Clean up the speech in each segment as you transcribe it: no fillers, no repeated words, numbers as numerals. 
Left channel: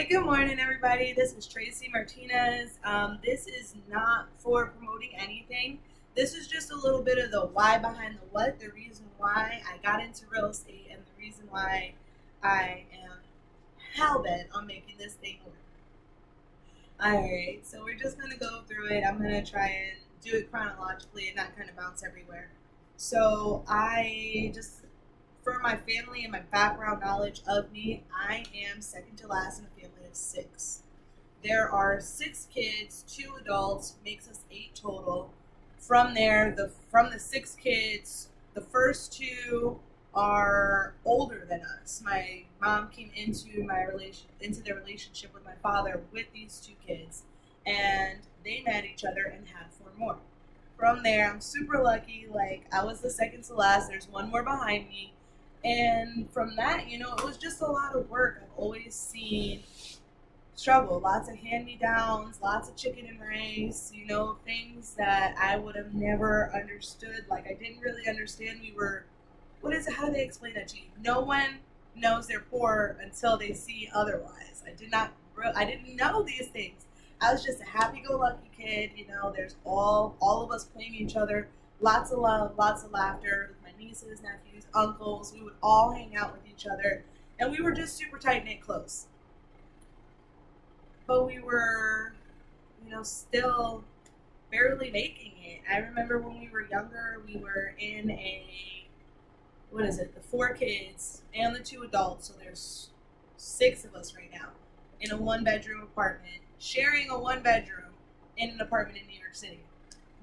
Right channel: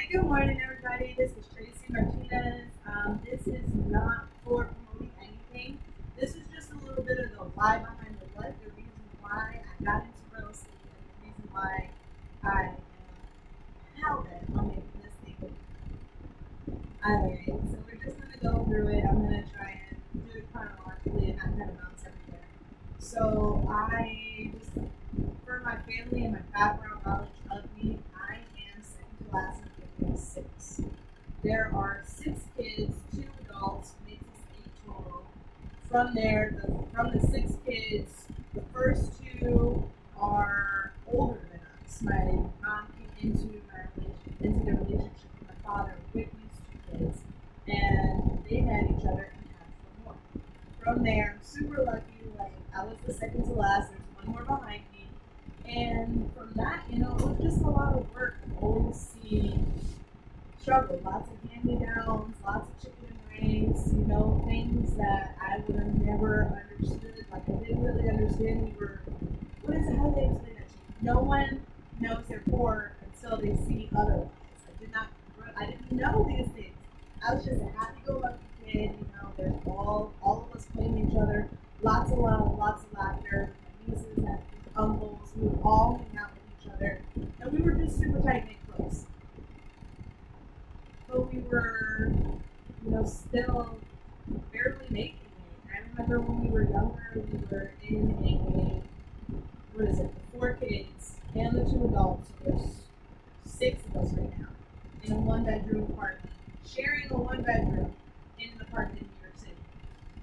Hi, good morning, everybody. This is Tracy Martinez. This is not for promoting anything. This is just a little bit of the why behind the what, the reason why I got into real estate, and the reason why I am hell bent on making this thing. Alright, so we're just gonna go through it. I'm gonna try and do it chronologically and not kind of bounce everywhere. So, for my family and my background knowledge of me, I am second to last in a family of six. There are six kids, two adults, makes us eight total. From there, from the six kids, the first two are older than us. My mom came into their relationship with my father with these two kids, and they met each other and had four more. From there, I'm super lucky. Like, I was the second to last. There's one more behind me, and from that, it was just a lot of work. I've always seen struggle, lots of hand me downs, lots of chicken and rice, things that I would have never understood. Like, I didn't really understand. What is it? How do they explain that to you? No one knows they're poor until they see otherwise. I didn't know these things. I was just a happy go lucky kid. There's all of us playing each other, lots of love, lots of laughter. My nieces, nephews, uncles, we would all hang out with each other, and we were just super tight knit close. But we were, still barely making it. I remember when we were younger, we were in what is it, the four kids and the two adults, so there's six of us right now, in a one bedroom apartment, sharing a one bedroom in an apartment in New York City.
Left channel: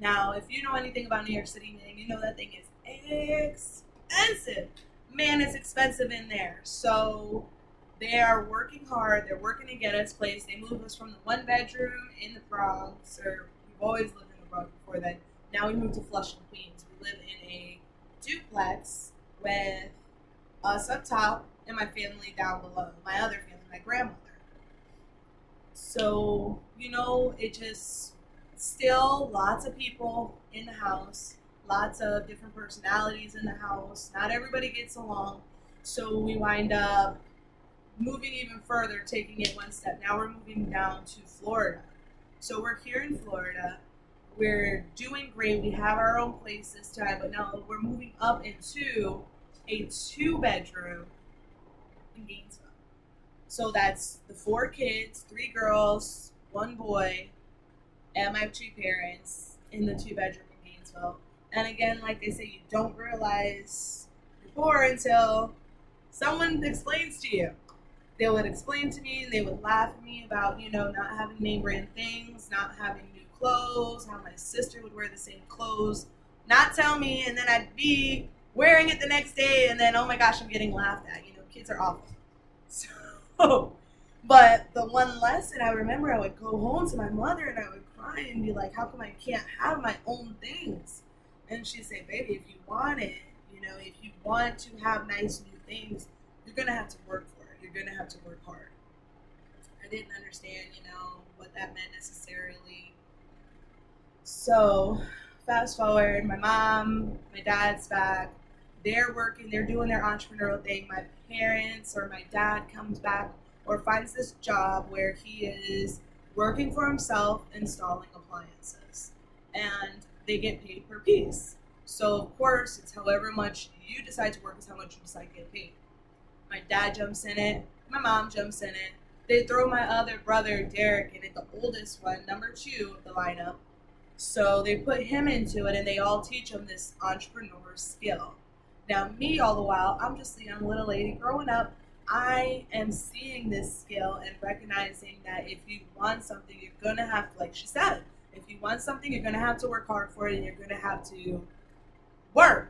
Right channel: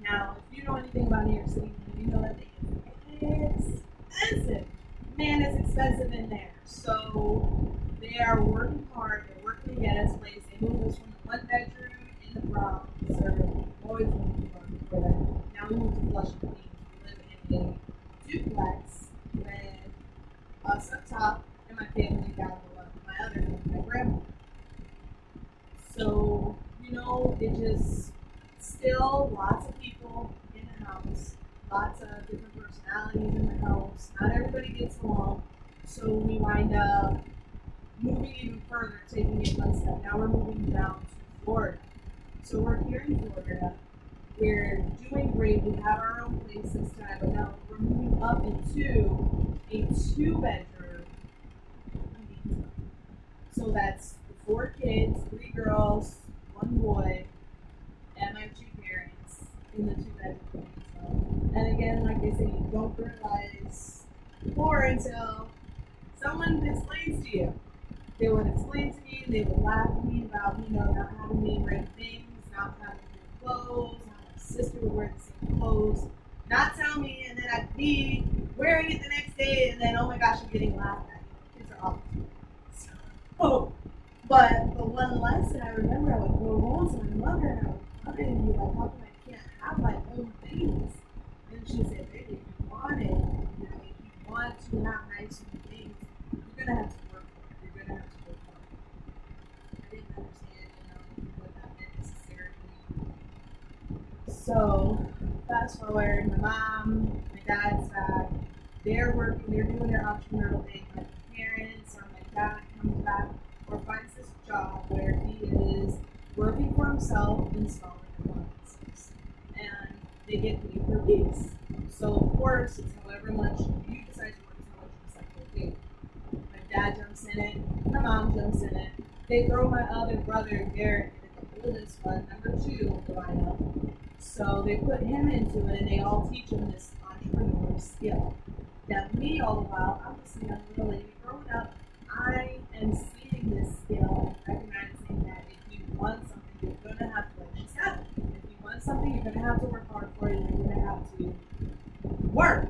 Now, if you know anything about New York City, man, you know that thing is expensive. Man, it's expensive in there. So they are working hard. They're working to get us placed. They moved us from the one bedroom in the Bronx, or we've always lived in the Bronx before then. Now we moved to Flushing, Queens. We live in a duplex with us up top and my family down below. My other family, my grandmother. So, it just still lots of people in the house, lots of different personalities in the house. Not everybody gets along. So we wind up moving even further, taking it one step. Now we're moving down to Florida. So we're here in Florida. We're doing great. We have our own place this time, but now we're moving up into a two-bedroom in Gainesville. So that's the four kids, three girls, one boy, and my two parents in the two-bedroom in Gainesville. And again, like they say, you don't realize more until someone explains to you. They would explain to me and they would laugh at me about, not having name brand things, not having new clothes, how my sister would wear the same clothes, not tell me, and then I'd be wearing it the next day, and then, oh my gosh, I'm getting laughed at. Kids are awful. So, but the one lesson I remember, I would go home to my mother and I would cry and be like, how come I can't have my own things? And she'd say, baby, if you want it, if you want to have nice new things, you're going to have to work for it. You're going to have to work hard. I didn't understand, what that meant necessarily. So, fast forward, my mom, my dad's back. They're working, they're doing their entrepreneurial thing. My parents or my dad comes back or finds this job where he is working for himself installing appliances. And they get paid per piece. So, of course, it's however much you decide to work, is how much you decide to get paid. My dad jumps in it, my mom jumps in it. They throw my other brother, Derek, in it, the oldest one, number two of the lineup. So they put him into it and they all teach him this entrepreneur skill. Now, me, all the while, I'm just a young little lady growing up. I am seeing this skill and recognizing that if you want something, you're going to have to, like she said, if you want something, you're going to have to work hard for it and you're going to have to work.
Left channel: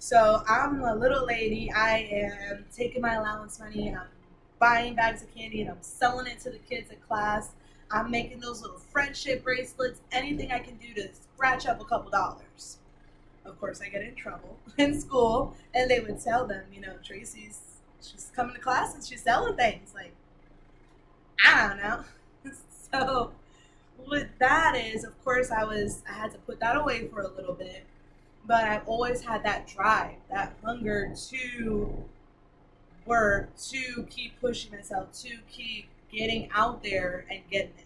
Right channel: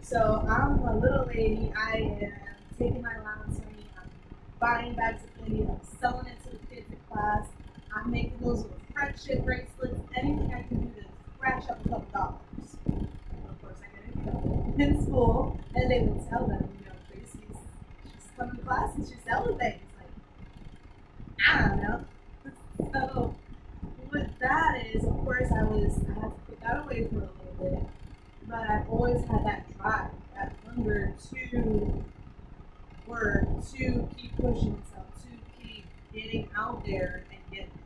So I'm a little lady. I am taking my allowance money and I'm buying bags of candy and I'm selling it to the kids in class. I'm making those little friendship bracelets, anything I can do to scratch up a couple dollars. Of course, I get in trouble in school, and they would tell them, she's coming to class and she's selling things. Like, I don't know. So, what that is, of course, I had to put that away for a little bit, but I've always had that drive, that hunger to work to keep pushing myself, to keep getting out there and getting it.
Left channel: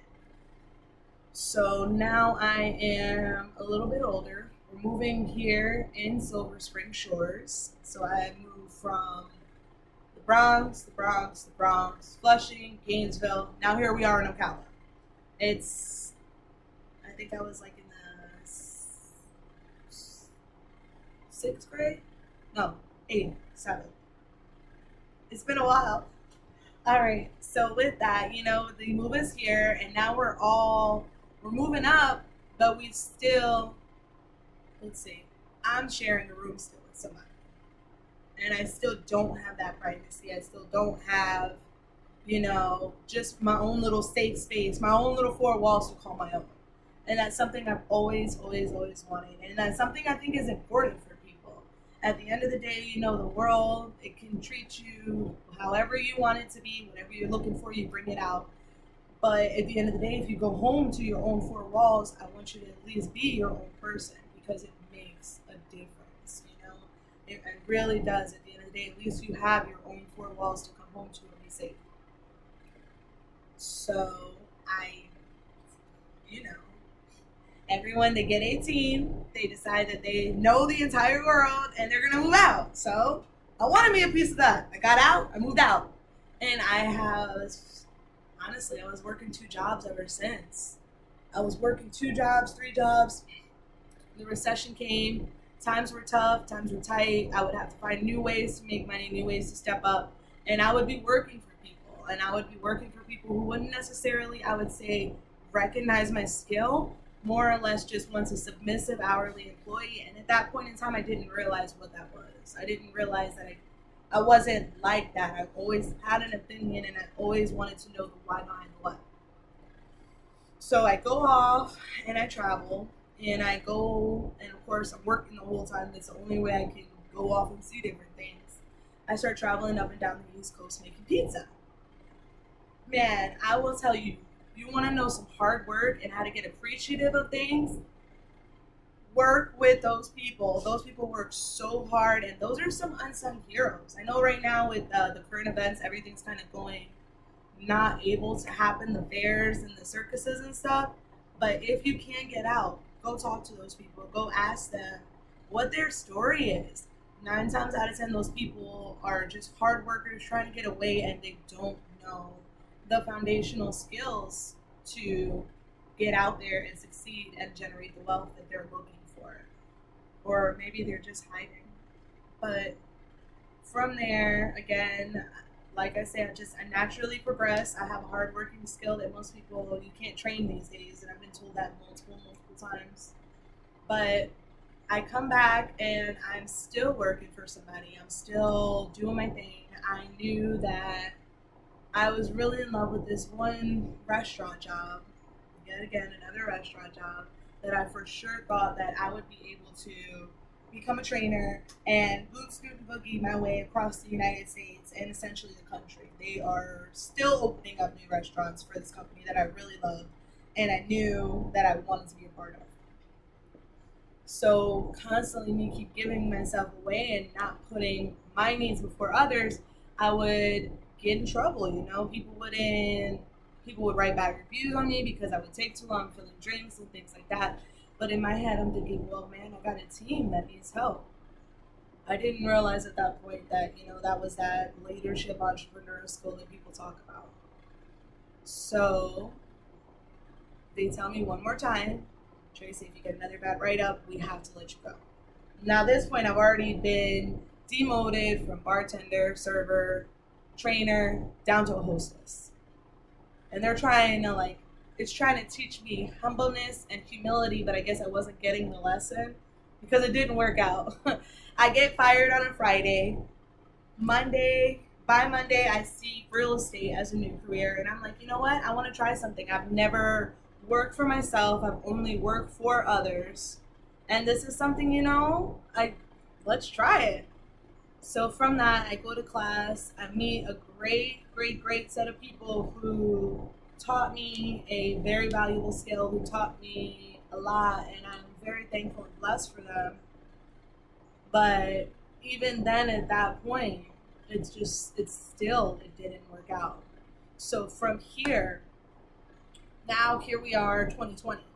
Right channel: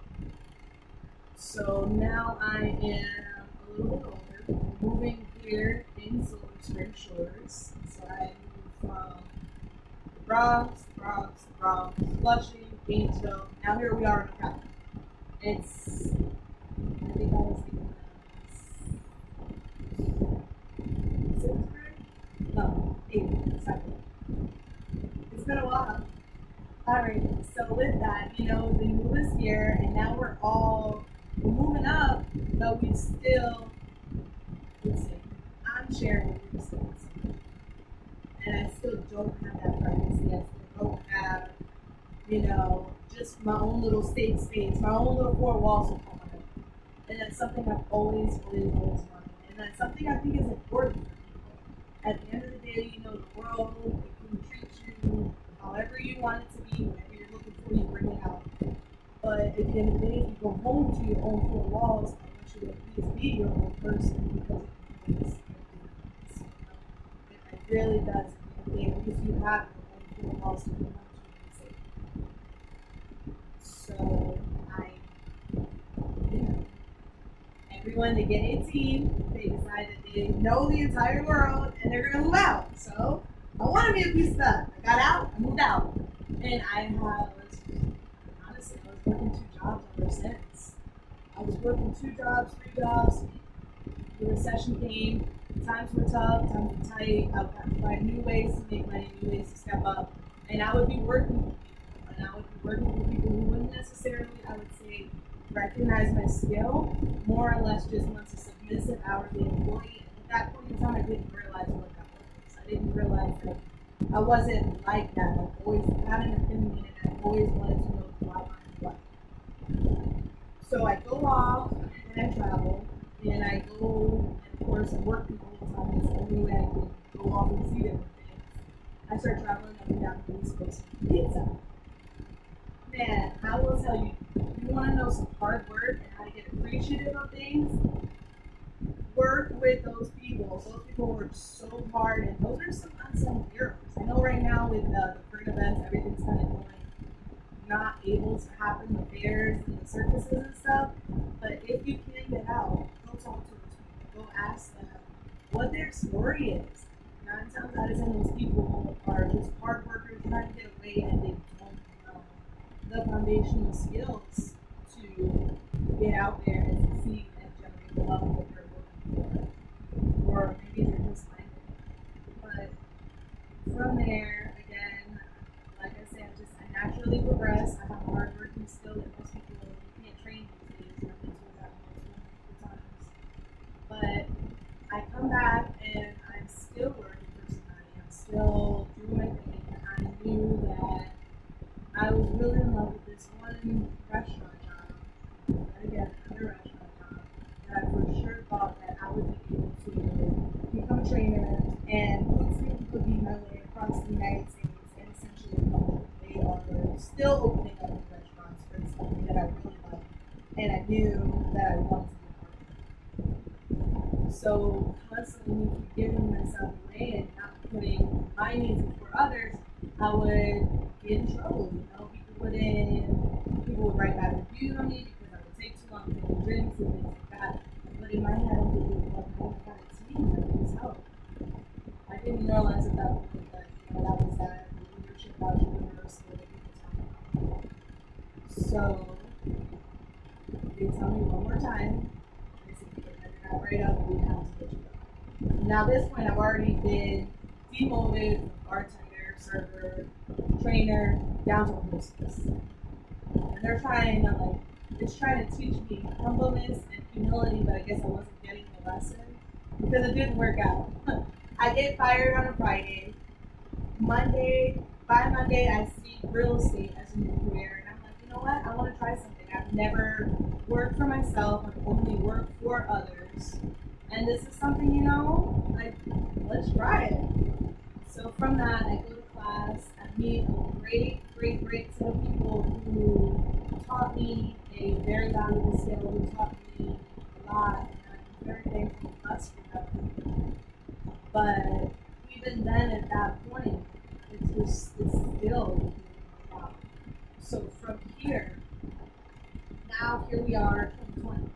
So now I am a little bit older, moving here in Silver Spring Shores. So I moved from the Bronx, Flushing, Gainesville. Now here we are in Ocala. It's, I think I was like in the sixth grade? No, eighth, seventh. It's been a while. All right. So with that, they move us here, and now we're moving up, but we still, let's see, I'm sharing a room still with somebody, and I still don't have that privacy. I still don't have, just my own little safe space, my own little four walls to call my own. And that's something I've always wanted, and that's something I think is important for people. At the end of the day, the world, it can treat you however you want it to be. Whatever you're looking for, you bring it out. But at the end of the day, if you go home to your own four walls, I want you to at least be your own person, because it makes a difference. It really does. At the end of the day, at least you have your own four walls to come home to and be safe. So you know, everyone, they get 18, they decide that they know the entire world and they're gonna move out. So I want to be a piece of that. I got out, I moved out, and honestly, I was working two jobs ever since. I was working two jobs, three jobs. The recession came. Times were tough. Times were tight. I would have to find new ways to make money, new ways to step up, and I would be working for people. And I would be working for people who wouldn't necessarily, I would say, recognize my skill. More or less, just wants a submissive hourly employee. And at that point in time, I didn't realize what that was. I didn't realize that I wasn't like that. I've always had an opinion, and I always wanted to know the why behind what. So I go off and I travel, and I go, and of course I'm working the whole time. It's the only way I can go off and see different things. I start traveling up and down the East Coast making pizza. Man, I will tell you, you want to know some hard work and how to get appreciative of things, work with those people. Those people work so hard, and those are some unsung heroes. I know right now with the current events, everything's kind of going not able to happen, the fairs and the circuses and stuff. But if you can get out, go talk to those people. Go ask them what their story is. 9 times out of 10, those people are just hard workers trying to get away, and they don't know the foundational skills to get out there and succeed and generate the wealth that they're looking for. Or maybe they're just hiding. But from there, again, like I said, I naturally progress. I have a hardworking skill that most people, you can't train these days, and I've been told that multiple times. But I come back and I'm still working for somebody. I'm still doing my thing. I knew that I was really in love with this one restaurant job, yet again, another restaurant job, that I for sure thought that I would be able to become a trainer and boot scoot boogie my way across the United States and essentially the country. They are still opening up new restaurants for this company that I really love, and I knew that I wanted to be a part of. So constantly me keep giving myself away and not putting my needs before others, I would get in trouble. People would write bad reviews on me because I would take too long filling drinks and things like that. But in my head, I'm thinking, well, man, I got a team that needs help. I didn't realize at that point that that was that leadership entrepreneur skill that people talk about. So they tell me one more time, Tracy, if you get another bad write up, we have to let you go. Now at this point, I've already been demoted from bartender, server, trainer, down to a hostess. And they're trying to teach me humbleness and humility, but I guess I wasn't getting the lesson because it didn't work out. I get fired on a Friday. By Monday, I see real estate as a new career, and I'm like, you know what? I want to try something. I've never worked for myself. I've only worked for others, and this is something, let's try it. So from that, I go to class. I meet a great set of people who taught me a very valuable skill, who taught me a lot, and I'm very thankful and blessed for them. But even then, at that point, it didn't work out. So from here, now here we are, 2020.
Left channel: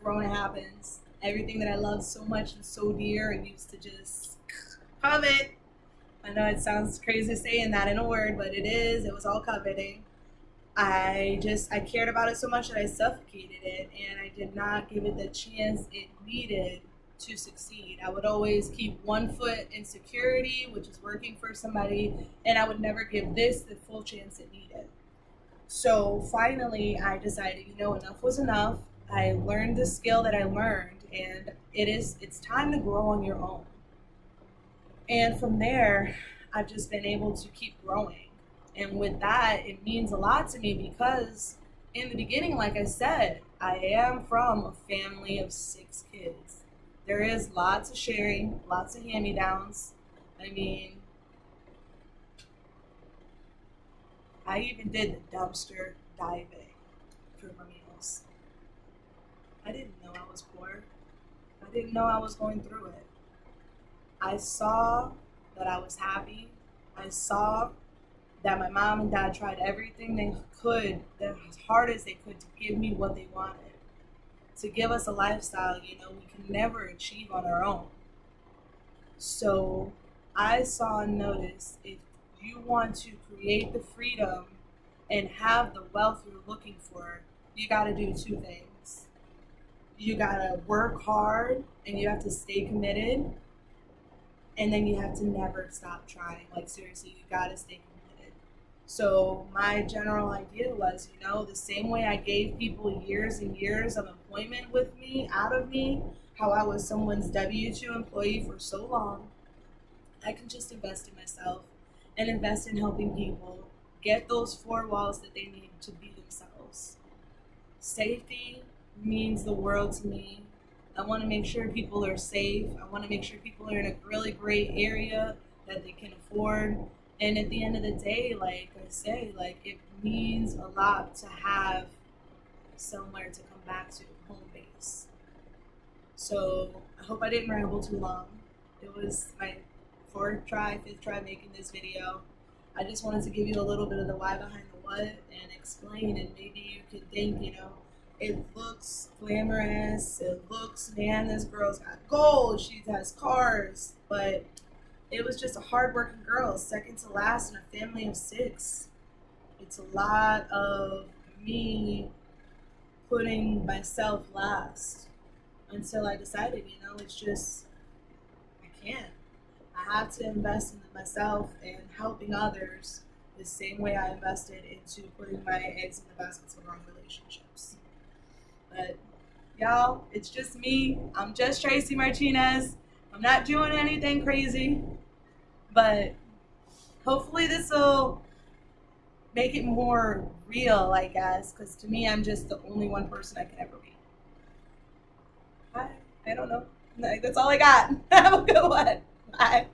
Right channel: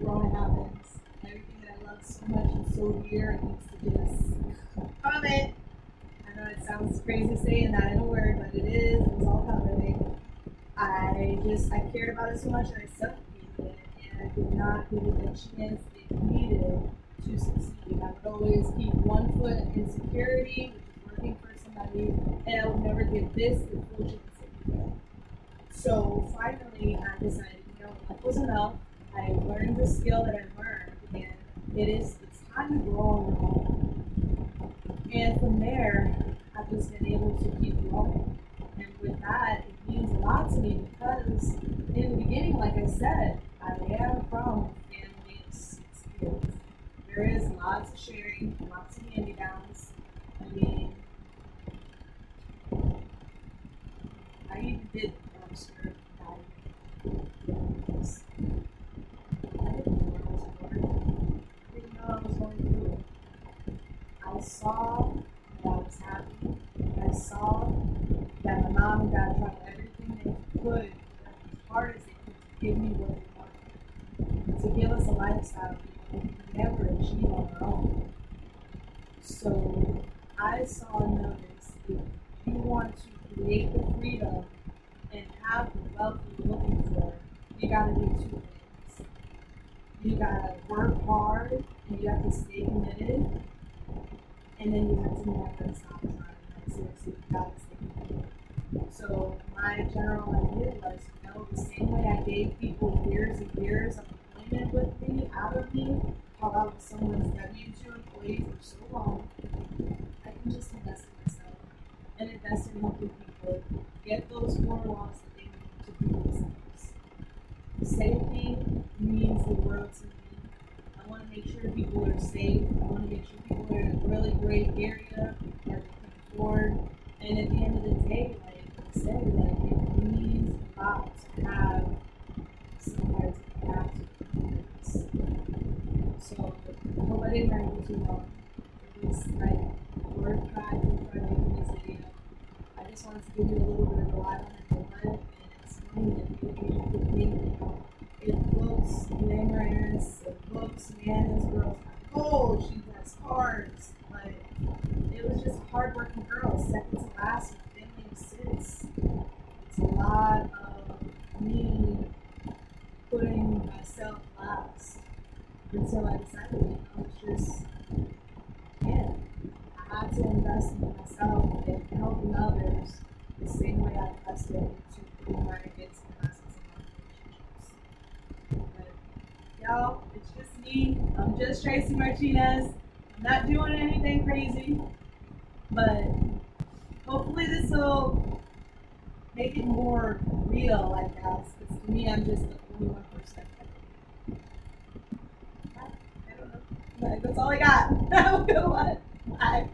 Corona happens. Everything that I love so much and so dear, I used to just covet. I know it sounds crazy saying that in a word, but it is. It was all coveting. I cared about it so much that I suffocated it, and I did not give it the chance it needed to succeed. I would always keep one foot in security, which is working for somebody, and I would never give this the full chance it needed. So finally, I decided, enough was enough. I learned the skill that I learned, and it's time to grow on your own. And from there, I've just been able to keep growing. And with that, it means a lot to me because in the beginning, like I said, I am from a family of 6 kids. There is lots of sharing, lots of hand me downs. I mean, I even did the dumpster diving for Marines. I didn't know I was bored. I didn't know I was going through it. I saw that I was happy. I saw that my mom and dad tried everything they could, as hard as they could, to give me what they wanted, to give us a lifestyle, we can never achieve on our own. So I saw and noticed if you want to create the freedom and have the wealth you're looking for, you got to do 2 things. You got to work hard and you have to stay committed, and then you have to never stop trying. Like, seriously, you got to stay committed. So my general idea was, the same way I gave people years and years of employment with me, out of me, how I was someone's W-2 employee for so long, I can just invest in myself and invest in helping people get those 4 walls that they need to be themselves. Safety means the world to me. I want to make sure people are safe. I want to make sure people are in a really great area that they can afford. And at the end of the day, like I say, like it means a lot to have somewhere to come back to, home base. So I hope I didn't ramble too long. It was my 5th try making this video. I just wanted to give you a little bit of the why behind the what and explain, and maybe you could think, it looks glamorous, it looks, man, this girl's got gold, she has cars, but it was just a hardworking girl, second to last in a family of 6. It's a lot of me putting myself last until I decided, it's just, I can't. I have to invest in myself and helping others the same way I invested into putting my eggs in the baskets of wrong relationships. But y'all, it's just me. I'm just Tracy Martinez. I'm not doing anything crazy, but hopefully this will make it more real, I guess, because to me, I'm just the only one person I can ever be. I don't know. Like, that's all I got. Have a good one. Bye.